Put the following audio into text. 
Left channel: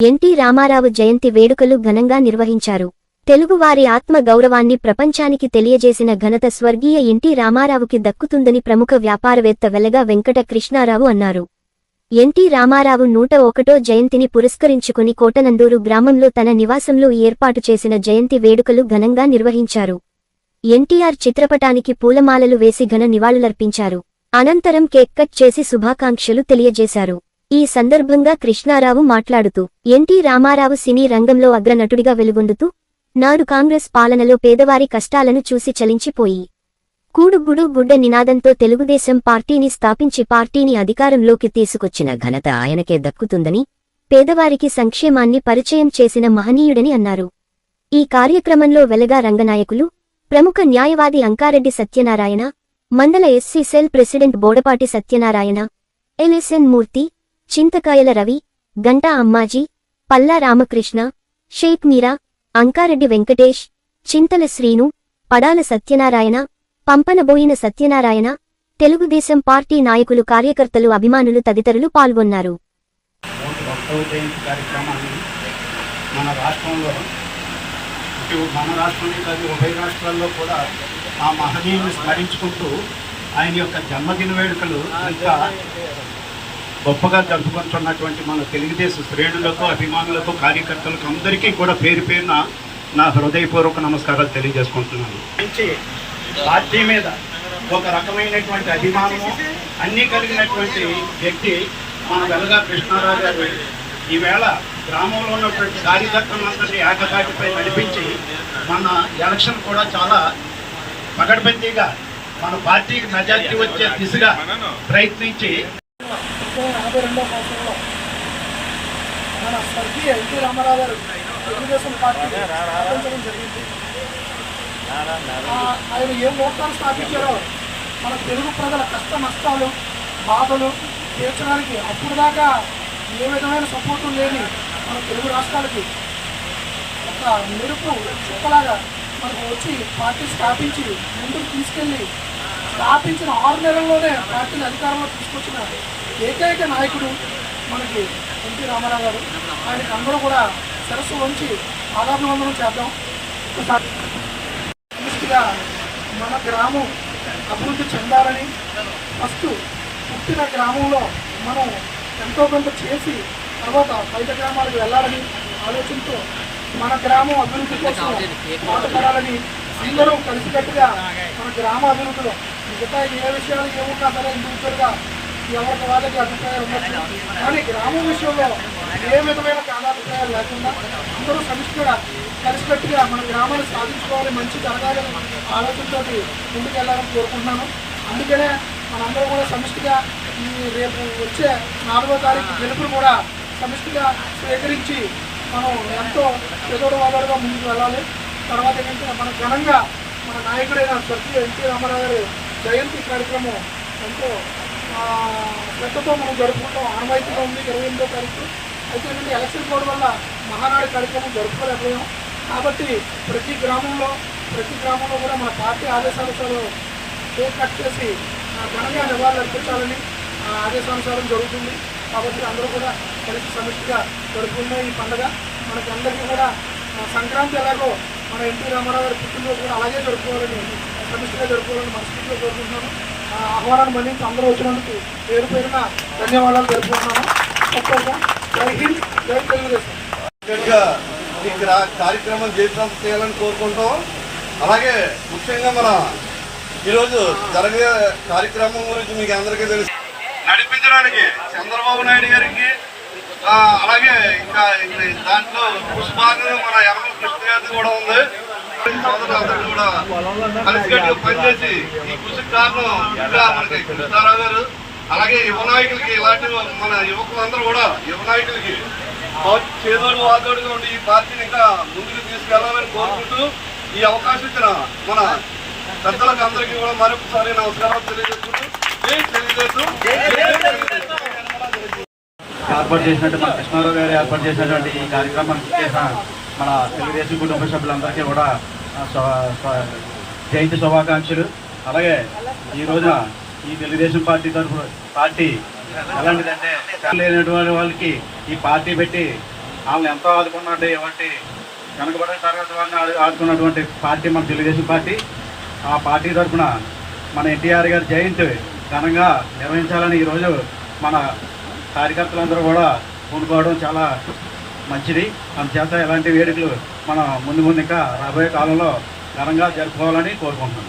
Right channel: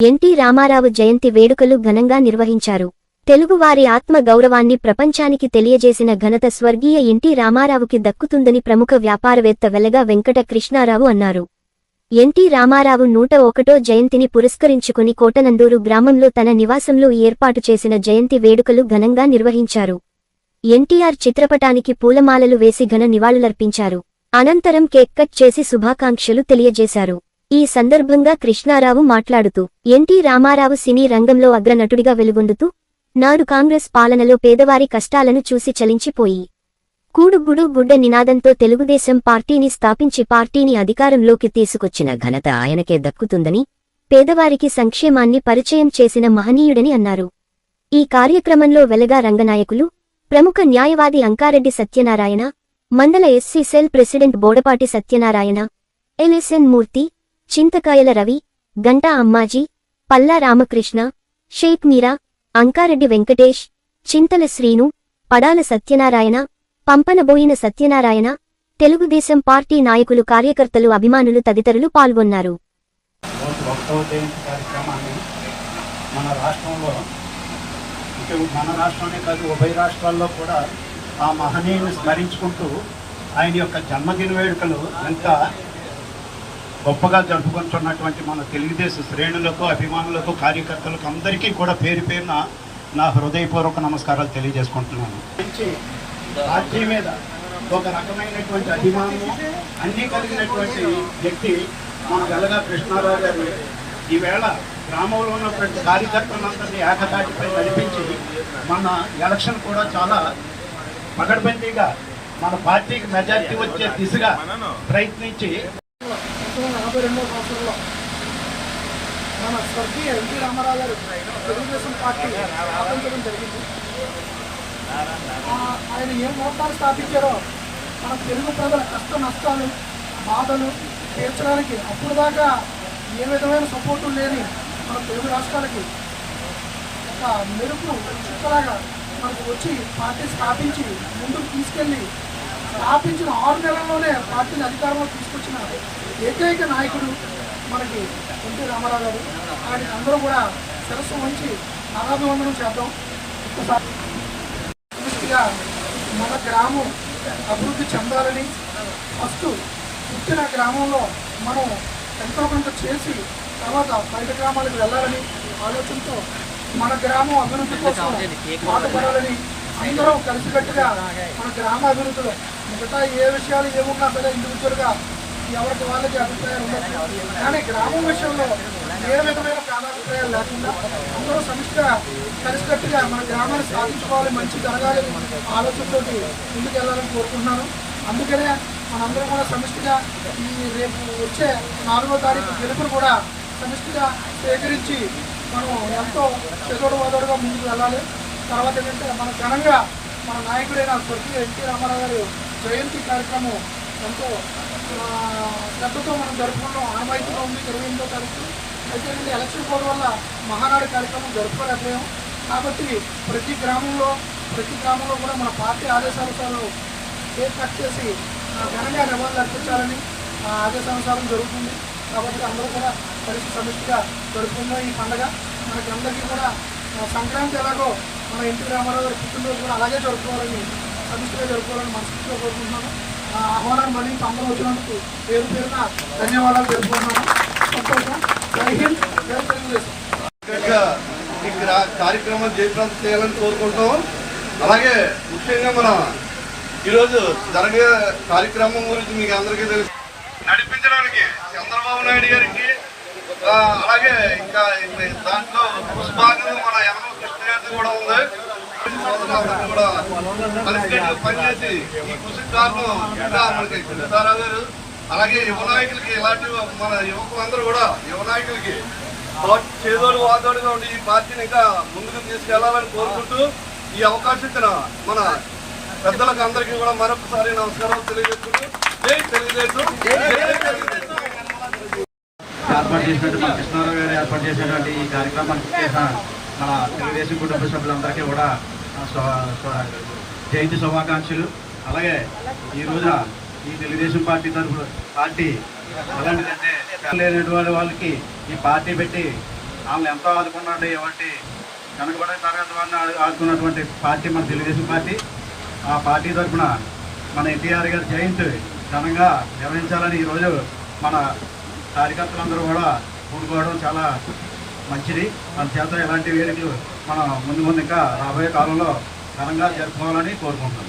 NT Ramarao జయంతి వేడుకలు ఘనంగా నిర్వహించారు. తెలుగువారి ఆత్మ గౌరవాన్ని ప్రపంచానికి తెలియజేసిన ఘనత స్వర్గీయ ఎన్టీ రామారావుకి దక్కుతుందని ప్రముఖ వ్యాపారవేత్త వెలగా వెంకట కృష్ణారావు అన్నారు. ఎన్టీ రామారావు నూట ఒకటో జయంతిని పురస్కరించుకుని కోటనందూరు గ్రామంలో తన నివాసంలో ఏర్పాటు చేసిన జయంతి వేడుకలు ఘనంగా నిర్వహించారు. ఎన్టీఆర్ చిత్రపటానికి పూలమాలలు వేసి ఘన నివాళులర్పించారు. అనంతరం కేక్ కట్ చేసి శుభాకాంక్షలు తెలియజేశారు. ఈ సందర్భంగా కృష్ణారావు మాట్లాడుతూ ఎన్టీ రామారావు సినీ రంగంలో అగ్రనటుడిగా వెలుగొందుతూ నాడు కాంగ్రెస్ పాలనలో పేదవారి కష్టాలను చూసి చలించిపోయి కూడుగుడు గుడ్డ నినాదంతో తెలుగుదేశం పార్టీని స్థాపించి పార్టీని అధికారంలోకి తీసుకొచ్చిన ఘనత ఆయనకే దక్కుతుందని పేదవారికి సంక్షేమాన్ని పరిచయం చేసిన మహనీయుడని అన్నారు. ఈ కార్యక్రమంలో వెలగా రంగనాయకులు ప్రముఖ న్యాయవాది అంకారెడ్డి సత్యనారాయణ మండల SC cell president Bodapati Satyanarayana LSN Murthy Chintakayala Ravi Ganta Ammaji Palla Ramakrishna Sheikh Meera Ankareddy Venkatesh Chintala Srinu Padala Satyanarayana Pampanaboina Satyanarayana Telugu Desam party నాయకులు కార్యకర్తలు అభిమానులు తదితరులు పాల్గొన్నారు. మన రాష్ట్రంలో ఇటు మన రాష్ట్రంలో కాదు ఉభయ రాష్ట్రాల్లో కూడా ఆ మహనీయుని స్మరించుకుంటూ ఆయన యొక్క జన్మదిన వేడుకలు ఇంకా గొప్పగా జరుపుకుంటున్నటువంటి మన తెలుగుదేశం శ్రేణులకు అభిమానులకు కార్యకర్తలకు అందరికీ కూడా పేరు పేరున నా హృదయపూర్వక నమస్కారాలు తెలియజేసుకుంటున్నాను. మంచి పార్టీ మీద ఒక రకమైనటువంటి అభిమానం అన్నీ కలిగినటువంటి వ్యక్తి మన వెలగా కృష్ణారావు గారు. ఈవేళ గ్రామంలో ఉన్నటువంటి కార్యకర్తలందరినీ ఏకతాటిపై నడిపించి మన ఎలక్షన్ కూడా చాలా పగడ్బందీగా మన పార్టీకి మెజార్టీ వచ్చే దిశగా ప్రయత్నించి మన స్వర్గీయ ఎన్టీ రామారావు గారు తెలుగుదేశం పార్టీ స్థాపించడం జరిగింది. ఆయన ఏ ముహూర్తాలు స్థాపించారో మన తెలుగు ప్రజల కష్ట నష్టాలు బాధలు తీర్చడానికి అప్పుడు దాకా ఏ విధమైన సపోర్టు లేని మన తెలుగు రాష్ట్రాలకి ఒక మెరుపు చుక్కలాగా మనకు వచ్చి పార్టీ స్థాపించి ముందుకు తీసుకెళ్ళి స్థాపించిన ఆరు నెలల్లోనే పార్టీని అధికారంలో తీసుకొచ్చిన ఏకైక నాయకుడు మనకి ఎన్టీ రామారావు గారు. ఆయనకి అందరూ కూడా సరస్సు ఉంచి ఆరాధన చేద్దాం. మన గ్రామం అభివృద్ధి చెందాలని ఫస్ట్ పుట్టిన గ్రామంలో మనం ఎంతో కొంత చేసి తర్వాత బయట గ్రామాలకు వెళ్ళాలని ఆలోచనతో మన గ్రామం అభివృద్ధి కోసం బాధపడాలని అందరూ కలిసికట్టుగా మన గ్రామ అభివృద్ధిలో మిగతా ఏ విషయాలు ఏమున్నా సరే ఇండివిజువల్గా ఎవరికి వాళ్ళకి అభిప్రాయాలు ఉండదు కానీ గ్రామం విషయంలో ఏ విధమైన కాలాభిప్రాయాలు లేకుండా అందరూ సమిష్టిగా కలిసికట్టుగా మన గ్రామాన్ని సాధించుకోవాలి మంచి జరగాలి ఆలోచనతోటి ముందుకు వెళ్ళాలని కోరుకుంటున్నాను. అందుకనే మనందరం కూడా సమిష్టిగా ఈ రేపు వచ్చే నాలుగో తారీఖు గెలుపును కూడా సమిష్టిగా స్వీకరించి మనం ఎంతో ఎదురు వాదరుగా ముందుకు వెళ్ళాలి. తర్వాత ఏంటంటే మన ఘనంగా మన నాయకుడైన స్వర్గీయ ఎన్టీ రామారావు గారి జయంతి కార్యక్రమం ఎంతో పెద్దతో శ్రద్ధతో మనం జరుపుకుంటాం. ఆనవాయితీగా ఉంది ఇరవై ఎనిమిదో తారీఖు. అయితే ఏంటంటే ఎలక్షన్ కోడ్ వల్ల మహానాడు కార్యక్రమం జరుపుకోలేకపోయాం. కాబట్టి ప్రతి గ్రామంలో ప్రతి గ్రామంలో కూడా మన పార్టీ ఆదేశానుసారం కేక్ కట్ చేసి ఘనంగా నివాళులు అర్పించాలని ఆదేశానుసారం జరుగుతుంది. కాబట్టి అందరూ కూడా సమిష్టిగా జరుపుకున్న ఈ పండుగ మనకి అందరికీ కూడా సంక్రాంతి ఎలాగో మన ఎన్టీ రామారావు గారి పుట్టినరోజు కూడా అలాగే జరుపుకోవాలని సమిష్టిగా జరుపుకోవాలని మనస్ఫూర్తిగా కోరుకుంటున్నాను. ఆహ్వానాన్ని మన్నించి అందరూ వచ్చినందుకు పేరు పేరున ధన్యవాదాలు జరుపుకుంటున్నాను తప్పకుండా. జై హింద్ జై తెలుగుదేశం. కార్యక్రమం చేసినంత చేయాలని కోరుకుంటాం అలాగే ముఖ్యంగా మన ఈరోజు జరిగే కార్యక్రమం గురించి మీకు అందరికీ తెలుసు. నడిపించడానికి చంద్రబాబు నాయుడు గారికి అలాగే ఇంకా దాంట్లో సుభాగం మన యనమల కృష్ణ గారిది కూడా ఉంది. సోదరులందరికీ కూడా కలిసికట్టు పనిచేసి ఈ కృషి కారణం ఇంకా మనకి కృష్ణారావు గారు అలాగే యువ నాయకులకి ఇలాంటి మన యువకులందరూ కూడా యువ నాయకులకి చేదోడు వాదోడుగా ఉండి ఈ పార్టీని ఇంకా ముందుకు తీసుకెళ్ళాలని కోరుకుంటూ ఈ అవకాశం ఇచ్చిన మన పెద్దలకు అందరికీ కూడా మరొకసారి నమస్కారం తెలియజేసుకుంటూ తెలియజేస్తూ ఏర్పాటు చేసినట్టు మన కృష్ణారావు గారు ఏర్పాటు చేసినటువంటి ఈ కార్యక్రమానికి మన తెలుగుదేశం కుటుంబ సభ్యులందరికీ కూడా జయంతి శుభాకాంక్షలు. అలాగే ఈ రోజున ఈ తెలుగుదేశం పార్టీ తరఫు పార్టీ ఎలాంటిదంటే లేనటువంటి వాళ్ళకి ఈ పార్టీ పెట్టి వాళ్ళని ఎంతో ఆదుకున్నట్టు ఏమంటే వెనకబడే తరగతి వాళ్ళని ఆడుకున్నటువంటి ఆదుకున్నటువంటి పార్టీ మన తెలుగుదేశం పార్టీ. ఆ పార్టీ తరఫున మన ఎన్టీఆర్ గారి జయంతి ఘనంగా నిర్వహించాలని ఈరోజు మన కార్యకర్తలందరూ కూడా కూడుకోవడం చాలా మంచిది. అందుచేత ఇలాంటి వేడుకలు మనం ముందు ముందు ఇంకా రాబోయే కాలంలో ఘనంగా జరుపుకోవాలని కోరుకుంటున్నాం.